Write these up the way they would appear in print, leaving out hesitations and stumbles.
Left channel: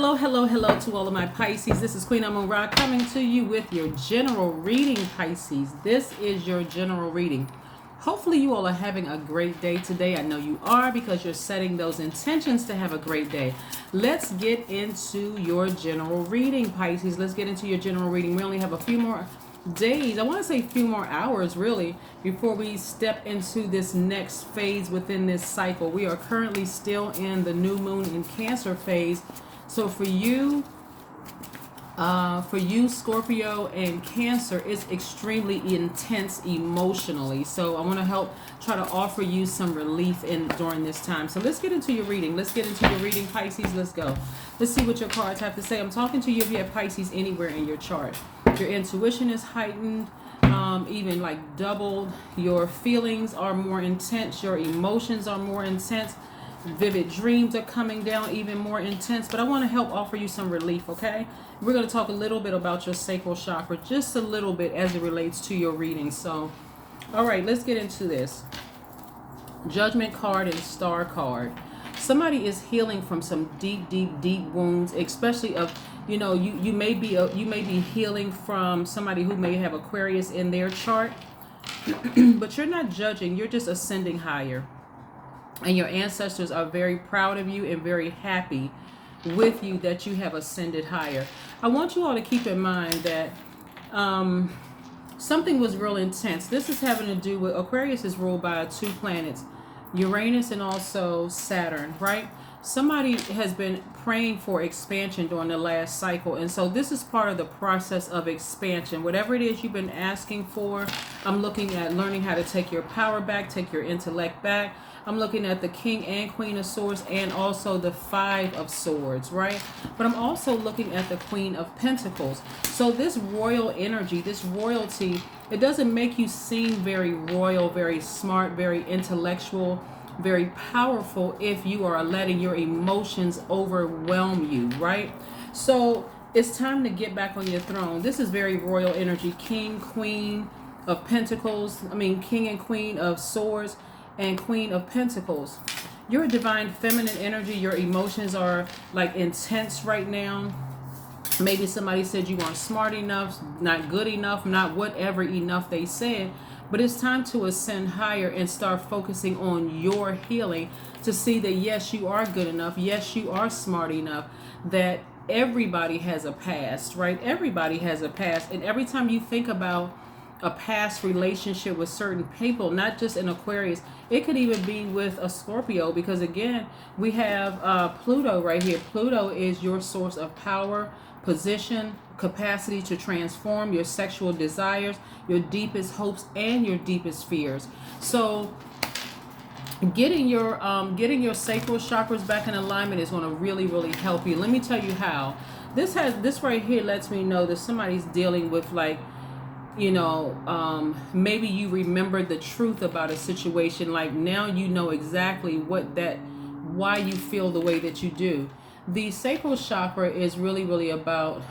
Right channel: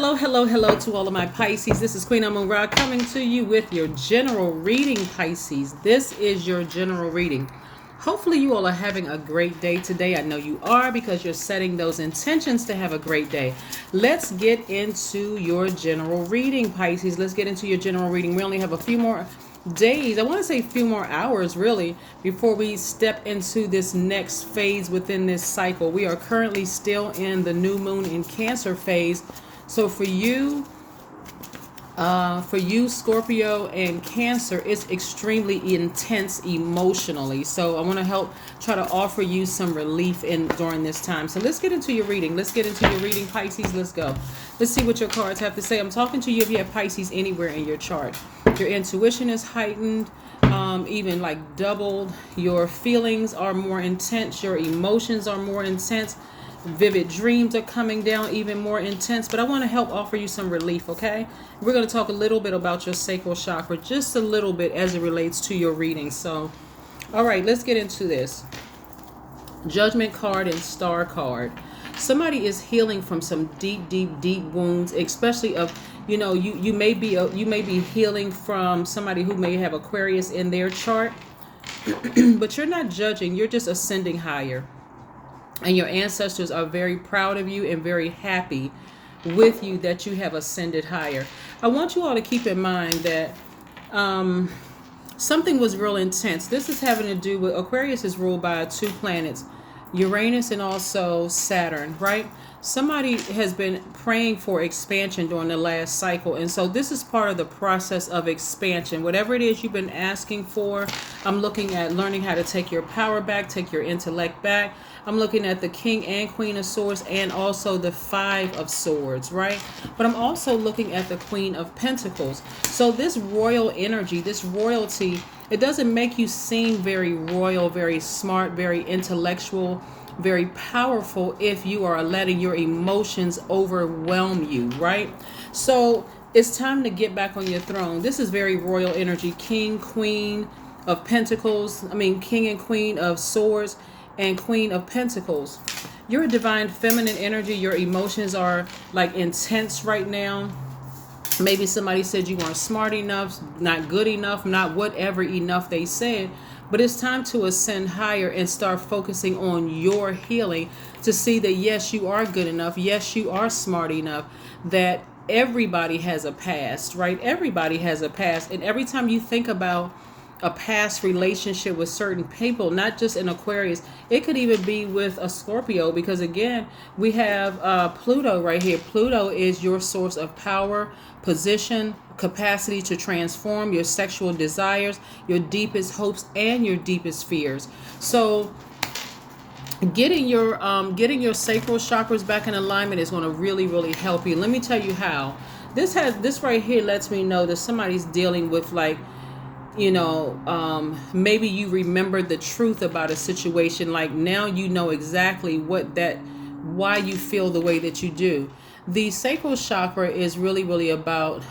hello, hello, hello to all of my Pisces. This is Queen Amun Ra coming to you with your general reading, Pisces. This is your general reading. Hopefully you all are having a great day today. I know you are because you're setting those intentions to have a great day. Let's get into your general reading, Pisces. Let's get into your general reading. We only have a few more days. I want to say a few more hours, really, before we step into this next phase within this cycle. We are currently still in the new moon in Cancer phase. So for you, Scorpio and Cancer, it's extremely intense emotionally. So I want to help try to offer you some relief during this time. So let's get into your reading. Let's get into your reading, Pisces. Let's go. Let's see what your cards have to say. I'm talking to you if you have Pisces anywhere in your chart. Your intuition is heightened, even like doubled. Your feelings are more intense. Your emotions are more intense. Vivid dreams are coming down, even more intense. But I want to help offer you some relief, okay? We're going to talk a little bit about your sacral chakra, just a little bit as it relates to your reading. So, all right, let's get into this. Judgment card and star card. Somebody is healing from some deep, deep, deep wounds, especially of, you may be healing from somebody who may have Aquarius in their chart, but you're not judging. You're just ascending higher. And your ancestors are very proud of you and very happy with you that you have ascended higher. I want you all to keep in mind that something was real intense. This is having to do with Aquarius is ruled by two planets, Uranus and also Saturn, right? Somebody has been praying for expansion during the last cycle. And so this is part of the process of expansion. Whatever it is you've been asking for, I'm looking at learning how to take your power back, take your intellect back. I'm looking at the King and Queen of Swords and also the Five of Swords, right? But I'm also looking at the Queen of Pentacles. So this royal energy, this royalty, it doesn't make you seem very royal, very smart, very intellectual, very powerful if you are letting your emotions overwhelm you, right? So it's time to get back on your throne. This is very royal energy. King, Queen of Pentacles, King and Queen of Swords, and Queen of Pentacles. You're a divine feminine energy. Your emotions are like intense right now. Maybe somebody said you weren't smart enough, not good enough, not whatever enough they said. But it's time to ascend higher and start focusing on your healing to see that yes, you are good enough. Yes, you are smart enough. That everybody has a past, right? Everybody has a past. And every time you think about a past relationship with certain people, not just in Aquarius, it could even be with a Scorpio, because again, we have Pluto right here. Pluto is your source of power, position, capacity to transform, your sexual desires, your deepest hopes, and your deepest fears. So getting your sacral chakras back in alignment is going to really, really help you. Let me tell you how. This right here lets me know that somebody's dealing with like, maybe you remember the truth about a situation. Like now you know exactly why you feel the way that you do. The sacral chakra is really, really about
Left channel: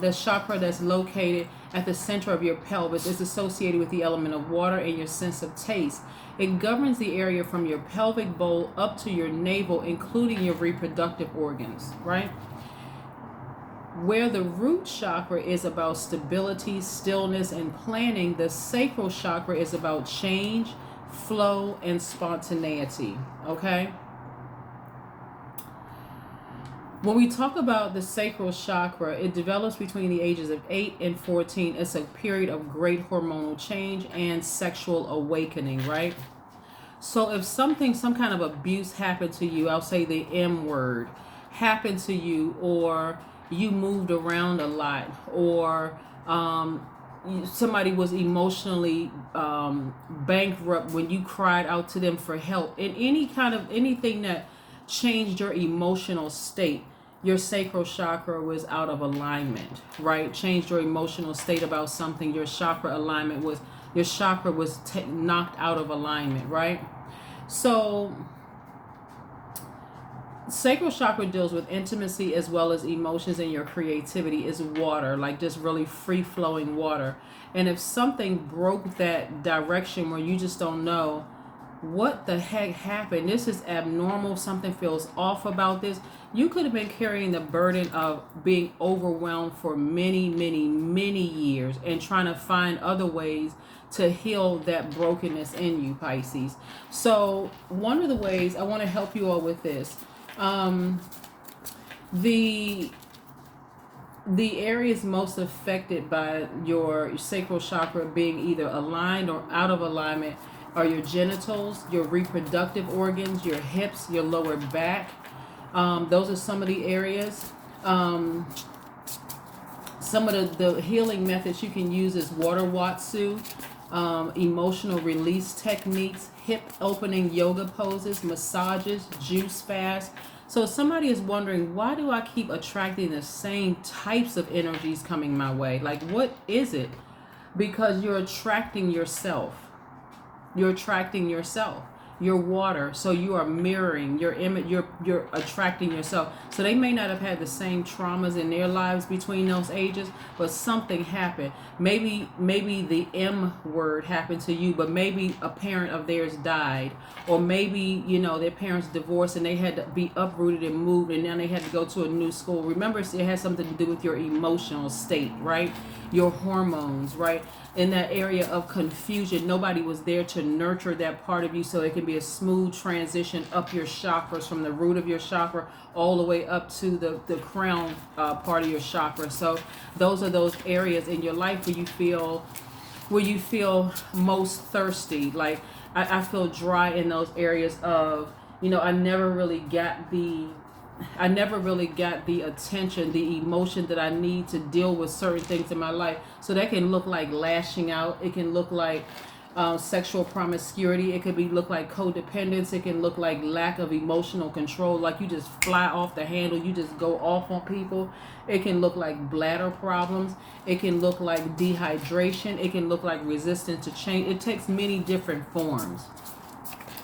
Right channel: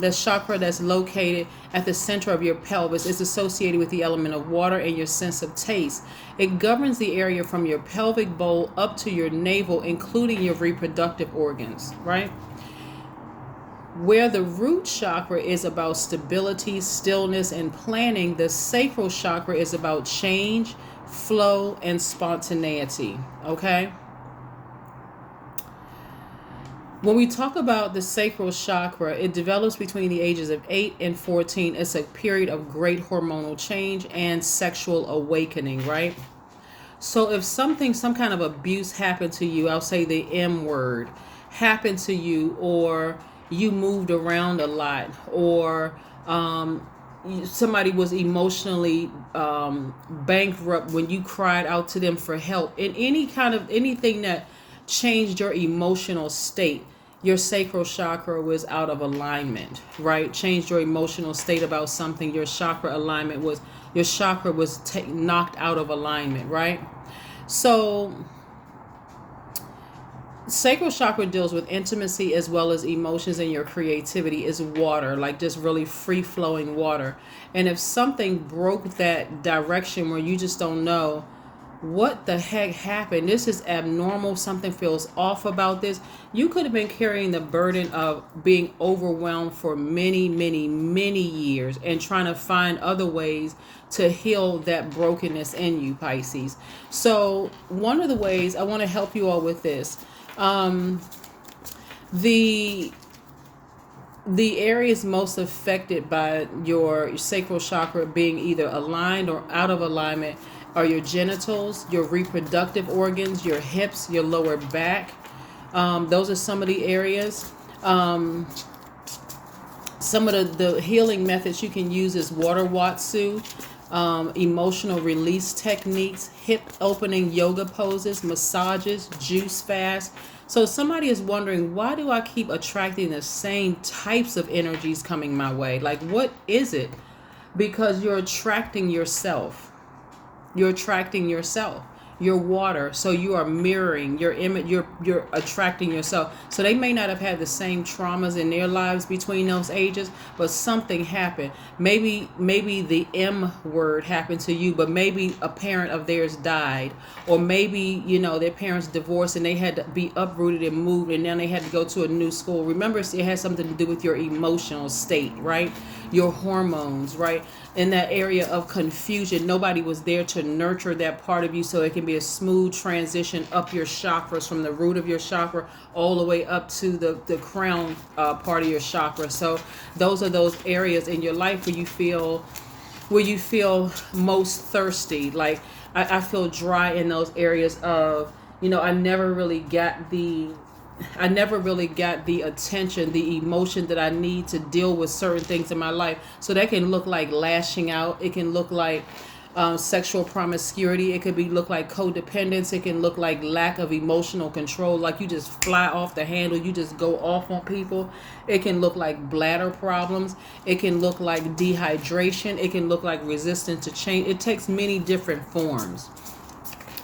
the chakra that's located at the center of your pelvis. It's associated with the element of water and your sense of taste. It governs the area from your pelvic bowl up to your navel, including your reproductive organs, right? Where the root chakra is about stability, stillness, and planning, the sacral chakra is about change, flow, and spontaneity, okay? When we talk about the sacral chakra, it develops between the ages of 8 and 14. It's a period of great hormonal change and sexual awakening, right? So if some kind of abuse happened to you, I'll say the M word, happened to you, or you moved around a lot, or somebody was emotionally bankrupt when you cried out to them for help, in anything that changed your emotional state, your sacral chakra was out of alignment, right? Changed your emotional state about something, your chakra was knocked out of alignment, right? So sacral chakra deals with intimacy as well as emotions, and your creativity is water, like just really free flowing water. And if something broke that direction where you just don't know what the heck happened? This is abnormal. Something feels off about this. You could have been carrying the burden of being overwhelmed for many, many, many years and trying to find other ways to heal that brokenness in you, Pisces. So, one of the ways I want to help you all with this, the areas most affected by your sacral chakra being either aligned or out of alignment are your genitals, your reproductive organs, your hips, your lower back. Those are some of the areas. Some of the healing methods you can use is water watsu, emotional release techniques, hip opening yoga poses, massages, juice fast. So somebody is wondering, why do I keep attracting the same types of energies coming my way? Like, what is it? Because you're attracting yourself. You're attracting yourself. Your water. So you are mirroring your image. You're attracting yourself. So they may not have had the same traumas in their lives between those ages, but something happened. Maybe the M word happened to you, but maybe a parent of theirs died, or maybe their parents divorced and they had to be uprooted and moved, and then they had to go to a new school. Remember, it has something to do with your emotional state, right? Your hormones, right? In that area of confusion, nobody was there to nurture that part of you so it can be a smooth transition up your chakras, from the root of your chakra all the way up to the crown part of your chakra. So those are those areas in your life where you feel most thirsty. Like I feel dry in those areas of, I never really got the attention, the emotion that I need to deal with certain things in my life. So that can look like lashing out. It can look like sexual promiscuity. It could look like codependence. It can look like lack of emotional control. Like you just fly off the handle. You just go off on people. It can look like bladder problems. It can look like dehydration. It can look like resistance to change. It takes many different forms.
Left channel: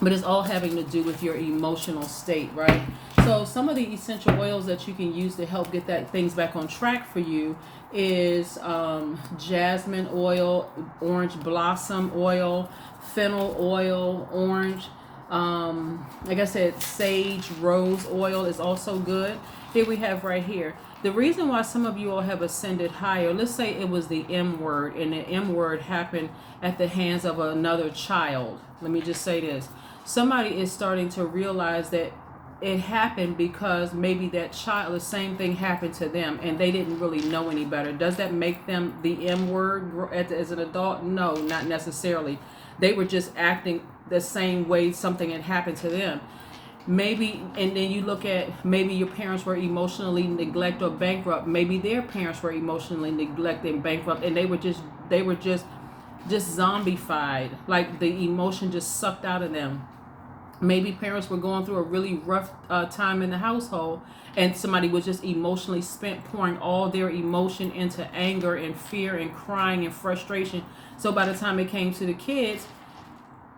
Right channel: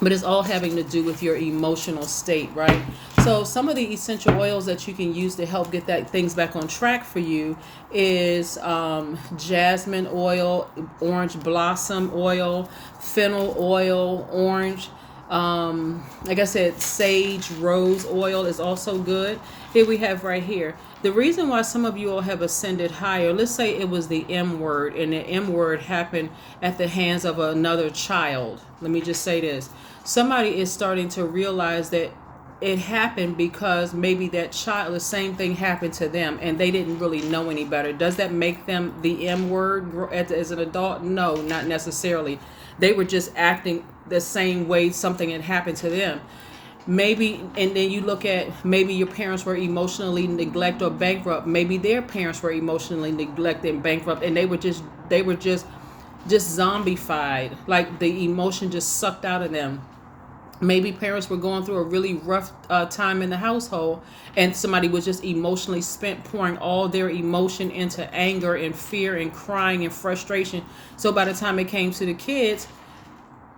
But it's all having to do with your emotional state, right? So some of the essential oils that you can use to help get things back on track for you is jasmine oil, orange blossom oil, fennel oil, orange. Like I said, sage rose oil is also good. Here we have right here. The reason why some of you all have ascended higher, let's say it was the M word, and the M word happened at the hands of another child. Let me just say this. Somebody is starting to realize that it happened because maybe that child, the same thing happened to them and they didn't really know any better. Does that make them the M word as an adult? No, not necessarily. They were just acting the same way something had happened to them. Maybe, and then you look at, maybe your parents were emotionally neglected or bankrupt. Maybe their parents were emotionally neglected and bankrupt, and they were just zombified. Like the emotion just sucked out of them. Maybe parents were going through a really rough time in the household, and somebody was just emotionally spent, pouring all their emotion into anger and fear and crying and frustration. So by the time it came to the kids,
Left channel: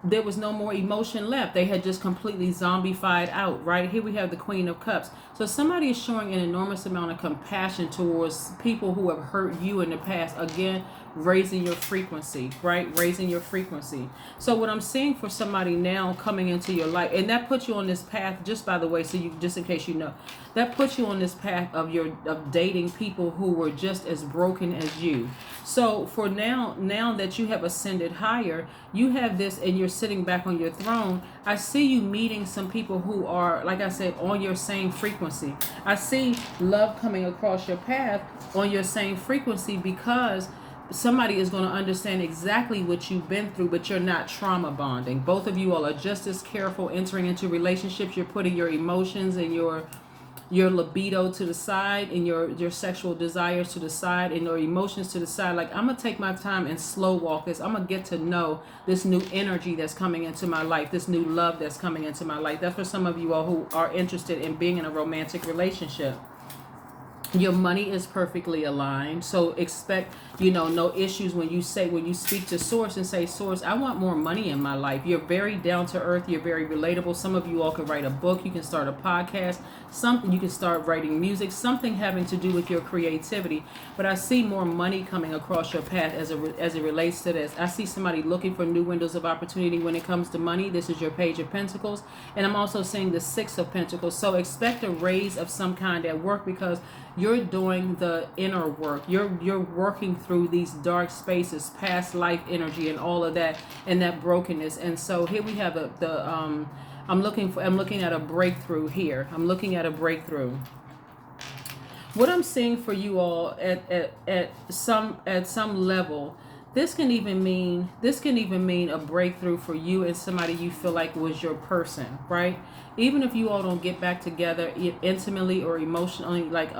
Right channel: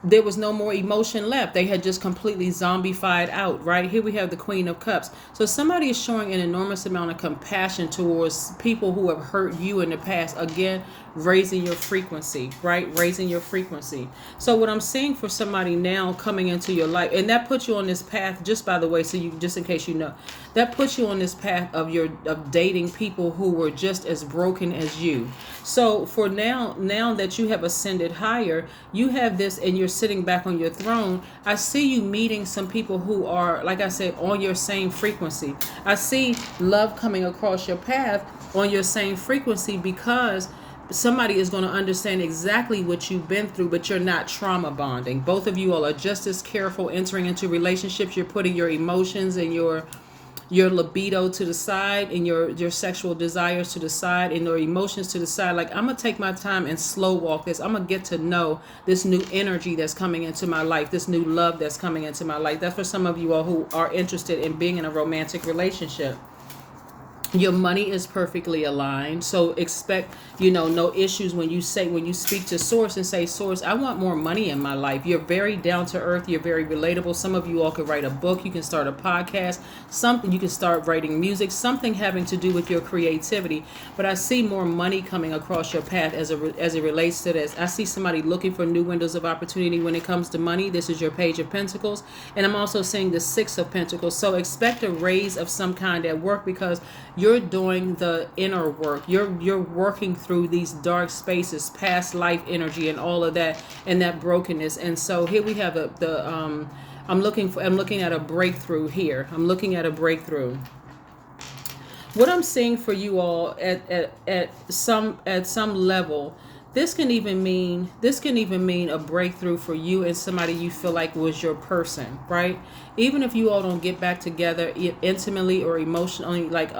there was no more emotion left. They had just completely zombified out, right? Here we have the Queen of Cups. So somebody is showing an enormous amount of compassion towards people who have hurt you in the past. Again, raising your frequency, right? Raising your frequency. So what I'm seeing for somebody now coming into your life, and that puts you on this path, just by the way, so you, just in case you know, that puts you on this path of dating people who were just as broken as you. So for now that you have ascended higher, you have this, and you're sitting back on your throne. I see you meeting some people who are, like I said, on your same frequency. I see love coming across your path on your same frequency, because somebody is going to understand exactly what you've been through, but you're not trauma bonding. Both of you all are just as careful entering into relationships. You're putting your emotions and your libido to the side, and your sexual desires to the side, and your emotions to the side. Like, I'm going to take my time and slow walk this. I'm going to get to know this new energy that's coming into my life, this new love that's coming into my life. That's for some of you all who are interested in being in a romantic relationship. Your money is perfectly aligned, so expect, no issues when you speak to source and say, source, I want more money in my life. You're very down to earth, you're very relatable. Some of you all can write a book, you can start a podcast, something, you can start writing music, something having to do with your creativity. But I see more money coming across your path as it relates to this. I see somebody looking for new windows of opportunity when it comes to money. This is your Page of Pentacles, and I'm also seeing the Six of Pentacles. So expect a raise of some kind at work, because you're doing the inner work. You're working through these dark spaces, past life energy, and all of that, and that brokenness. And so here we have I'm looking at a breakthrough here. I'm looking at a breakthrough. What I'm seeing for you all at some level, this can even mean a breakthrough for you and somebody you feel like was your person, right? Even if you all don't get back together intimately or emotionally, like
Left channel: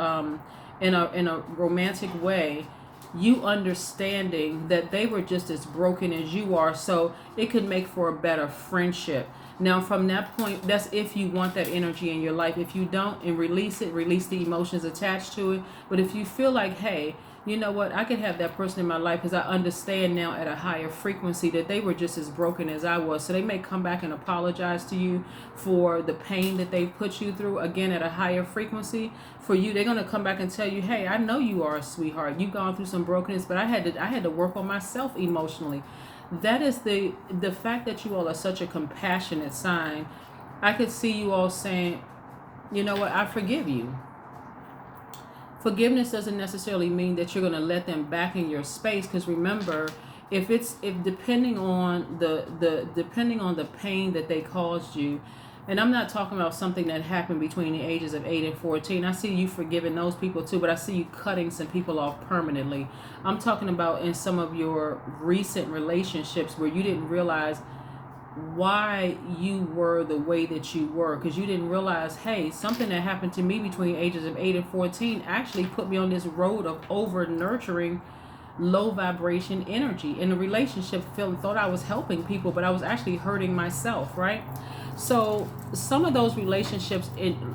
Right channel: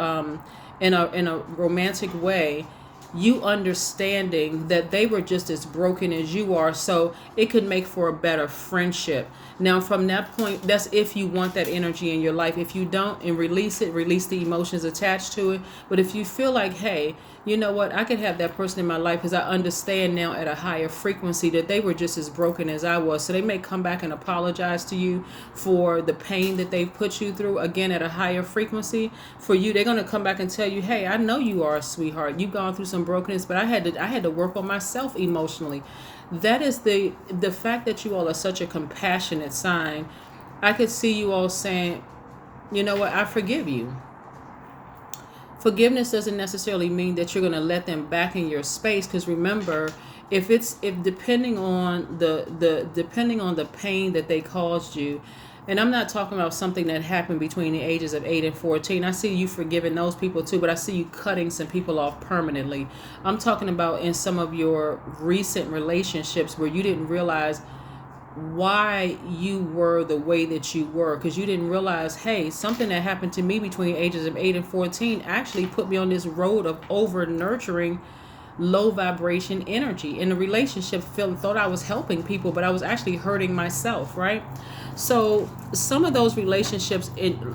in a romantic way, you understanding that they were just as broken as you are, so it could make for a better friendship. Now, from that point, that's if you want that energy in your life. If you don't, and release the emotions attached to it. But if you feel like, hey, you know what, I could have that person in my life because I understand now at a higher frequency that they were just as broken as I was. So they may come back and apologize to you for the pain that they put you through, again, at a higher frequency. For you, they're going to come back and tell you, hey, I know you are a sweetheart. You've gone through some brokenness, but I had to work on myself emotionally. That is the fact that you all are such a compassionate sign. I could see you all saying, you know what, I forgive you. Forgiveness doesn't necessarily mean that you're going to let them back in your space, because remember, if depending on the pain that they caused you, and I'm not talking about something that happened between the ages of 8 and 14. I see you forgiving those people too, but I see you cutting some people off permanently. I'm talking about in some of your recent relationships where you didn't realize why you were the way that you were, because you didn't realize, hey, something that happened to me between ages of 8 and 14 actually put me on this road of over nurturing low vibration energy in the relationship. Thought I was helping people, but I was actually hurting myself, right? So some of those relationships,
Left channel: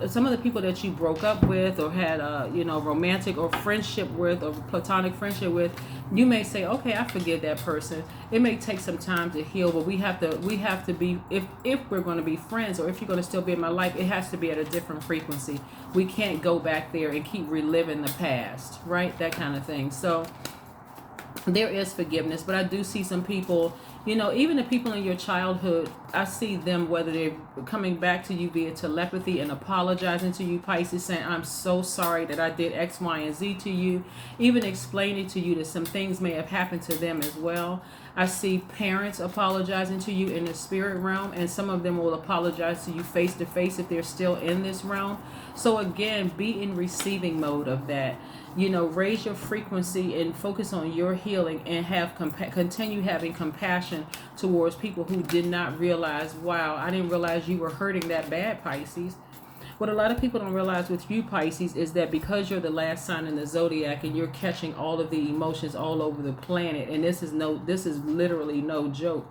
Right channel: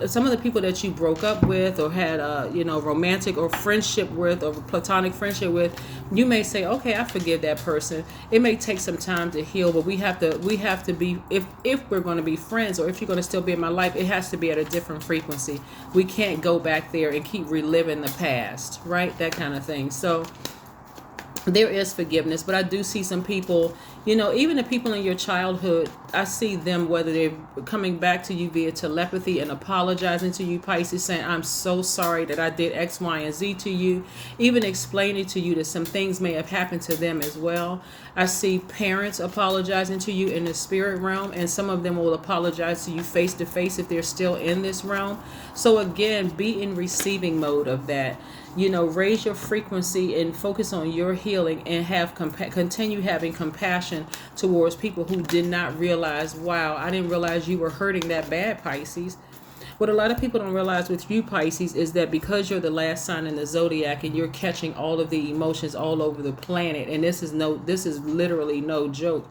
some of the people that you broke up with or had romantic or friendship with or platonic friendship with, you may say, okay, I forgive that person. It may take some time to heal, but we have to be, if we're going to be friends, or if you're going to still be in my life, it has to be at a different frequency. We can't go back there and keep reliving the past, right? That kind of thing. So there is forgiveness, but I do see some people, even the people in your childhood, I see them, whether they're coming back to you via telepathy and apologizing to you, Pisces, saying, I'm so sorry that I did X, Y, and Z to you, even explaining to you that some things may have happened to them as well. I see parents apologizing to you in the spirit realm, and some of them will apologize to you face to face if they're still in this realm. So again, be in receiving mode of that. Raise your frequency and focus on your healing, and continue having compassion towards people who did not realize, wow, I didn't realize you were hurting that bad, Pisces. What a lot of people don't realize with you, Pisces, is that because you're the last sign in the Zodiac and you're catching all of the emotions all over the planet, and this is literally no joke,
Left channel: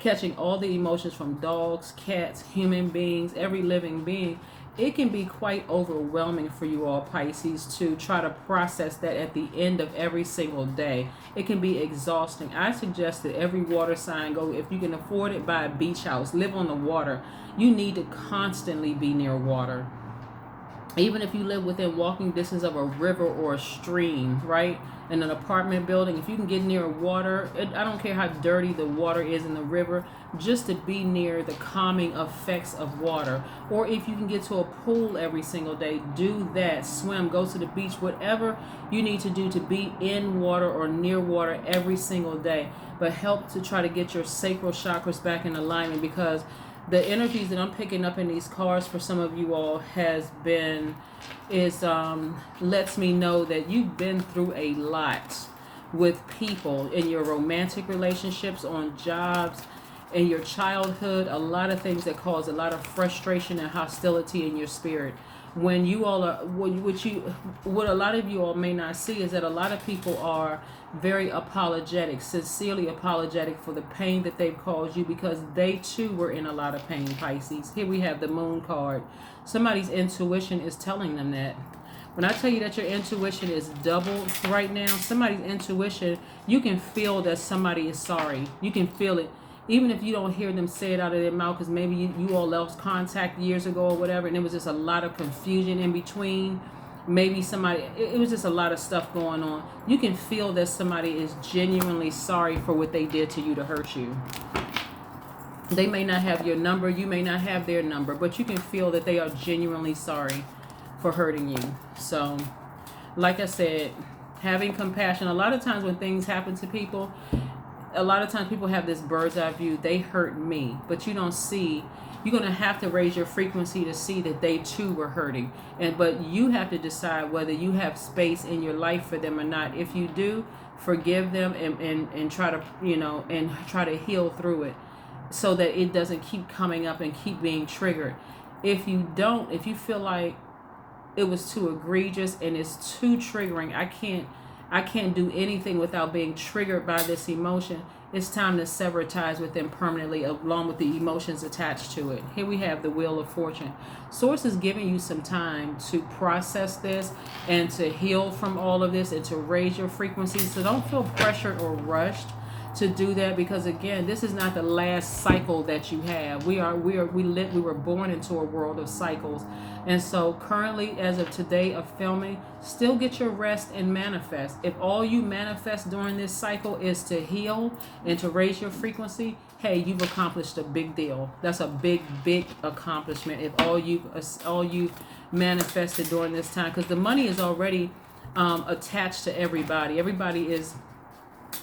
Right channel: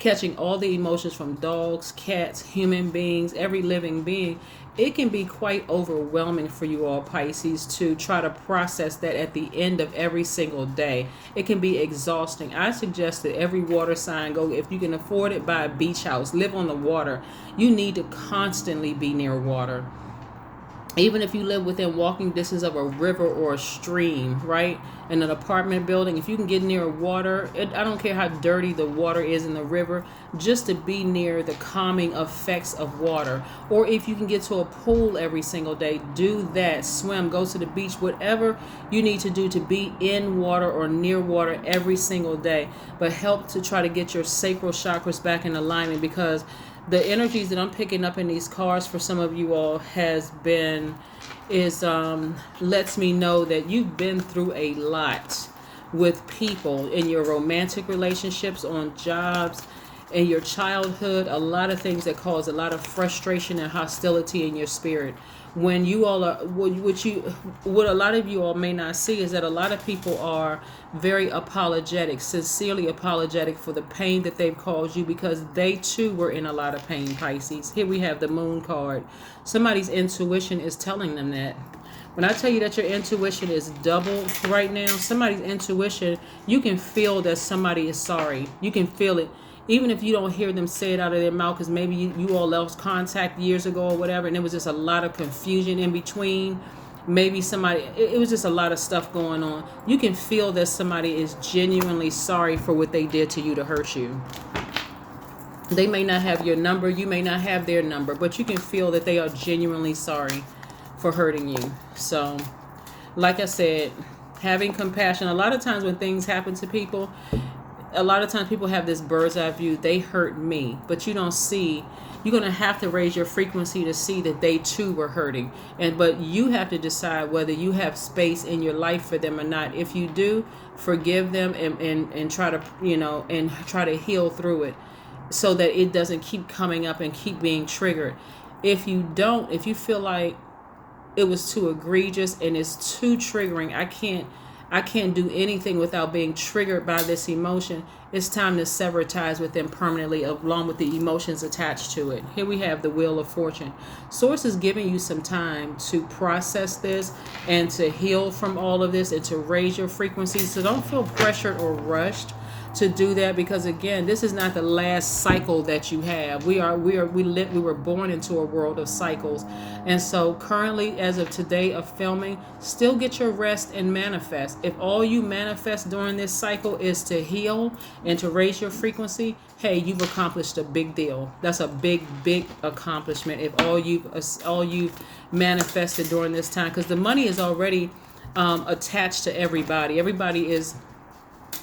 catching all the emotions from dogs, cats, human beings, every living being, it can be quite overwhelming for you all, Pisces, to try to process that at the end of every single day. It can be exhausting. I suggest that every water sign go, if you can afford it, buy a beach house, live on the water. You need to constantly be near water. Even if you live within walking distance of a river or a stream, right? In an apartment building, if you can get near water, I don't care how dirty the water is in the river, just to be near the calming effects of water. Or if you can get to a pool every single day, do that. Swim, go to the beach, whatever you need to do to be in water or near water every single day. But help to try to get your sacral chakras back in alignment, because the energies that I'm picking up in these cards for some of you all lets me know that you've been through a lot with people in your romantic relationships, on jobs, in your childhood, a lot of things that cause a lot of frustration and hostility in your spirit. When you all are, what a lot of you all may not see is that a lot of people are very apologetic, sincerely apologetic for the pain that they've caused you, because they too were in a lot of pain, Pisces. Here we have the Moon card. Somebody's intuition is telling them that. When I tell you that your intuition is doubled right now, somebody's intuition, you can feel that somebody is sorry. You can feel it. Even if you don't hear them say it out of their mouth, because maybe you all lost contact years ago or whatever, and there was just a lot of confusion in between. Maybe somebody, it was just a lot of stuff going on. You can feel that somebody is genuinely sorry for what they did to you to hurt you. They may not have your number, you may not have their number, but you can feel that they are genuinely sorry for hurting you. So, like I said, having compassion. A lot of times when things happen to people, a lot of times people have this bird's eye view. They hurt me, but you don't see. You're going to have to raise your frequency to see that they too were hurting. But you have to decide whether you have space in your life for them or not. If you do, forgive them and try to, and try to heal through it so that it doesn't keep coming up and keep being triggered. If you don't, if you feel like it was too egregious and it's too triggering, I can't do anything without being triggered by this emotion, it's time to sever ties with them permanently, along with the emotions attached to it. Here we have the Wheel of Fortune. Source is giving you some time to process this and to heal from all of this and to raise your frequency. So don't feel pressured or rushed to do that, because again, this is not the last cycle that you have. We were born into a world of cycles. And so currently, as of today of filming, still get your rest and manifest. If all you manifest during this cycle is to heal and to raise your frequency, hey, you've accomplished a big deal. That's a big accomplishment if all you've manifested during this time, because the money is already attached to everybody. Everybody is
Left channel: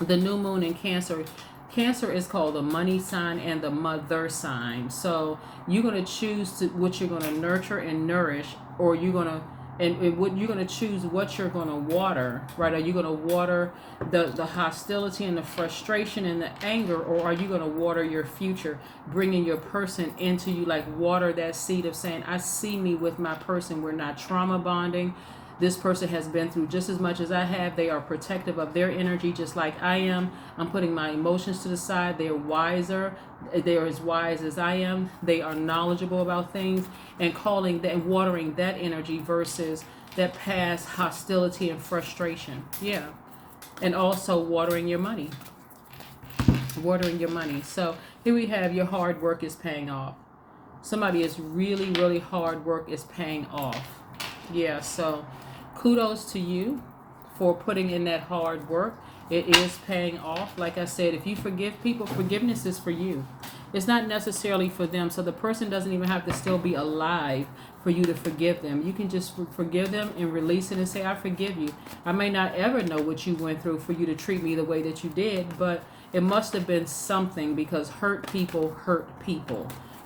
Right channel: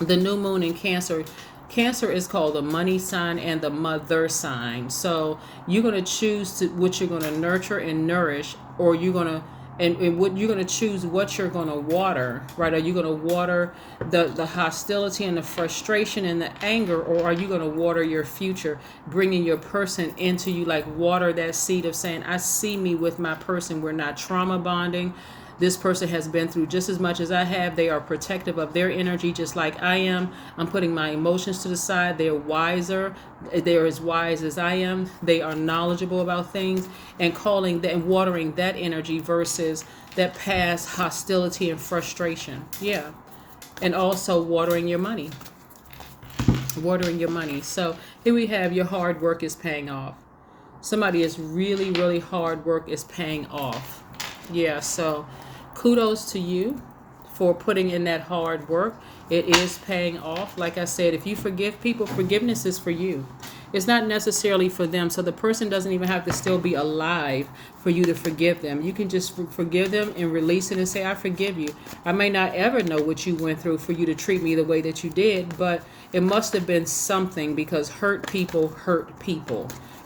the new moon in Cancer. Cancer is called the money sign and the mother sign. So you're going to choose what you're going to nurture and nourish, or you're going to what you're going to choose what you're going to water, right? Are you going to water the hostility and the frustration and the anger, or are you going to water your future, bringing your person into you, like water that seed of saying, I see me with my person. We're not trauma bonding. This person has been through just as much as I have. They are protective of their energy just like I am. I'm putting my emotions to the side. They're wiser. They're as wise as I am. They are knowledgeable about things, and calling that and watering that energy versus that past hostility and frustration. Yeah. And also watering your money. Watering your money. So here we have your hard work is paying off. Somebody is really hard work is paying off. Yeah, so kudos to you for putting in that hard work. It is paying off. Like I said, if you forgive people, forgiveness is for you. It's not necessarily for them. So the person doesn't even have to still be alive for you to forgive them. You can just forgive them and release it and say, I forgive you. I may not ever know what you went through for you to treat me the way that you did, but it must have been something, because hurt people,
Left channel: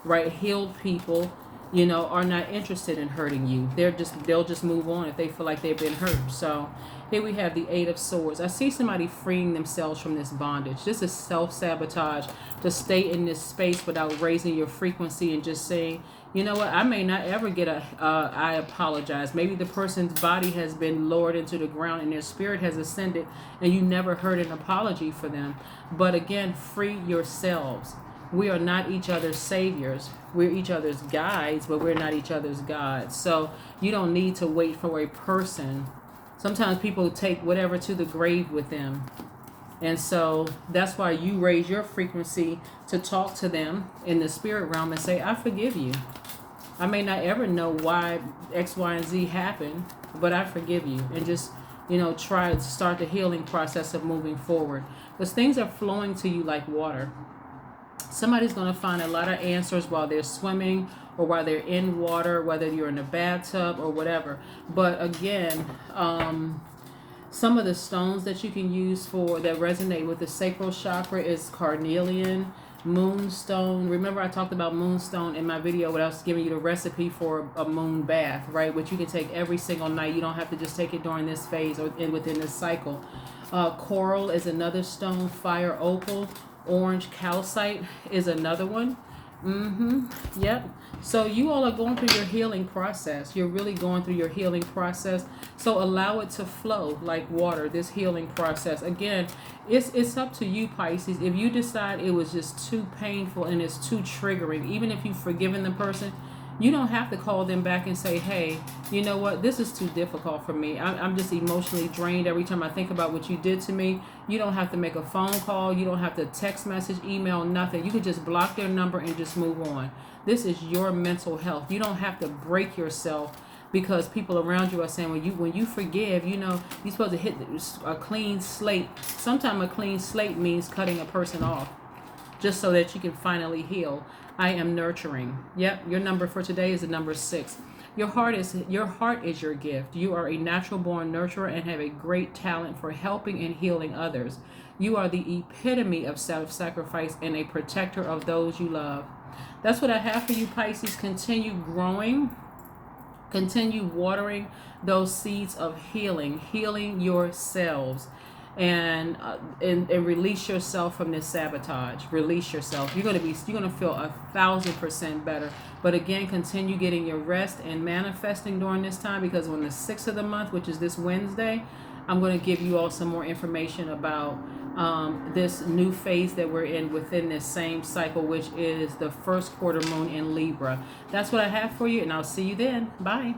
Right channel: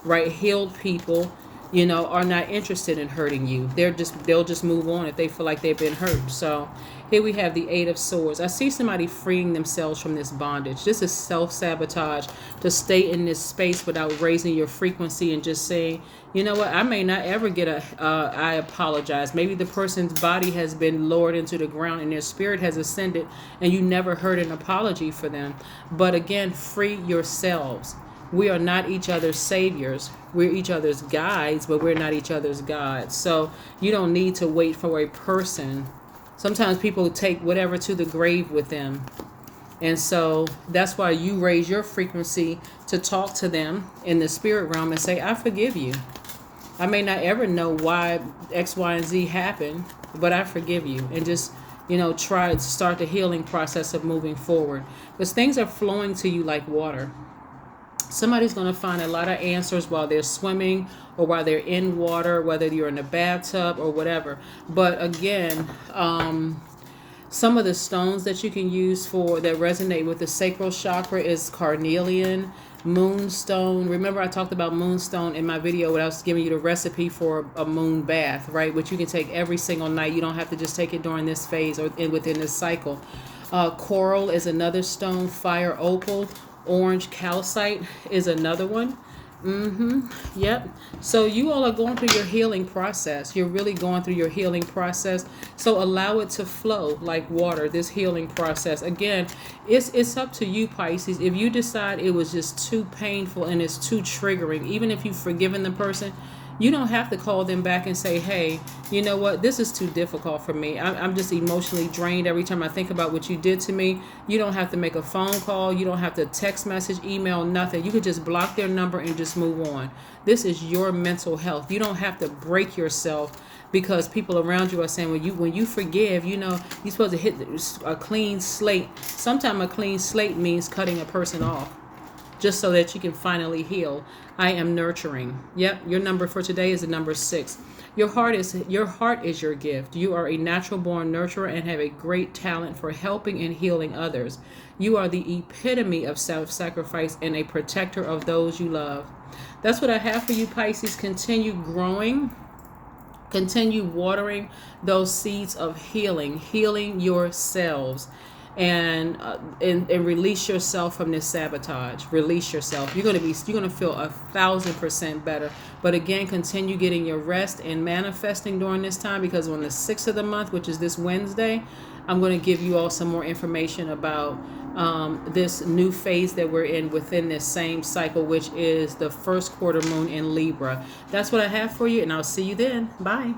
right? Healed people, are not interested in hurting you. They'll just move on if they feel like they've been hurt. So here we have the Eight of Swords. I see somebody freeing themselves from this bondage. This is self-sabotage, to stay in this space without raising your frequency and just saying, you know what, I may not ever get I apologize. Maybe the person's body has been lowered into the ground and their spirit has ascended, and you never heard an apology for them. But again, free yourselves. We are not each other's saviors. We're each other's guides, but we're not each other's gods. So you don't need to wait for a person. Sometimes people take whatever to the grave with them. And so that's why you raise your frequency to talk to them in the spirit realm and say, I forgive you. I may not ever know why X, Y, and Z happened, but I forgive you. And just, try to start the healing process of moving forward. Because things are flowing to you like water. Somebody's going to find a lot of answers while they're swimming or while they're in water, whether you're in a bathtub or whatever. But again, some of the stones that you can use that resonate with the sacral chakra is carnelian, moonstone. Remember I talked about moonstone in my video when I was giving you the recipe for a moon bath, right? Which you can take every single night. You don't have to just take it during this phase or within this cycle. Coral is another stone. Fire opal. Orange calcite is another one. Yep. So you all are going through your healing process. You're really going through your healing process. So allow it to flow like water, this healing process. Again, it's up to you, Pisces. If you decide it was just too painful and it's too triggering, even if you've forgiven the person, You don't have to call them back and say, hey, you know what, this is too difficult for me. I'm just emotionally drained every time I think about what you did to me. You don't have to make a phone call. You don't have to text message, email, nothing. You could just block their number and just move on. This is your mental health. You don't have to break yourself because people around you are saying, when you forgive, you're supposed to hit a clean slate. Sometimes a clean slate means cutting a person off just so that you can finally heal. I am nurturing. Yep, your number for today is the number 6. Your heart is your gift. You are a natural born nurturer and have a great talent for helping and healing others. You are the epitome of self-sacrifice and a protector of those you love. That's what I have for you, Pisces. Continue growing. Continue watering those seeds of healing yourselves, and release yourself from this sabotage. Release yourself. You're gonna feel 1,000% better. But again, continue getting your rest and manifesting during this time, because on the 6th of the month, which is this Wednesday, I'm going to give you all some more information about this new phase that we're in within this same cycle, which is the first quarter moon in Libra. That's what I have for you, and I'll see you then. Bye.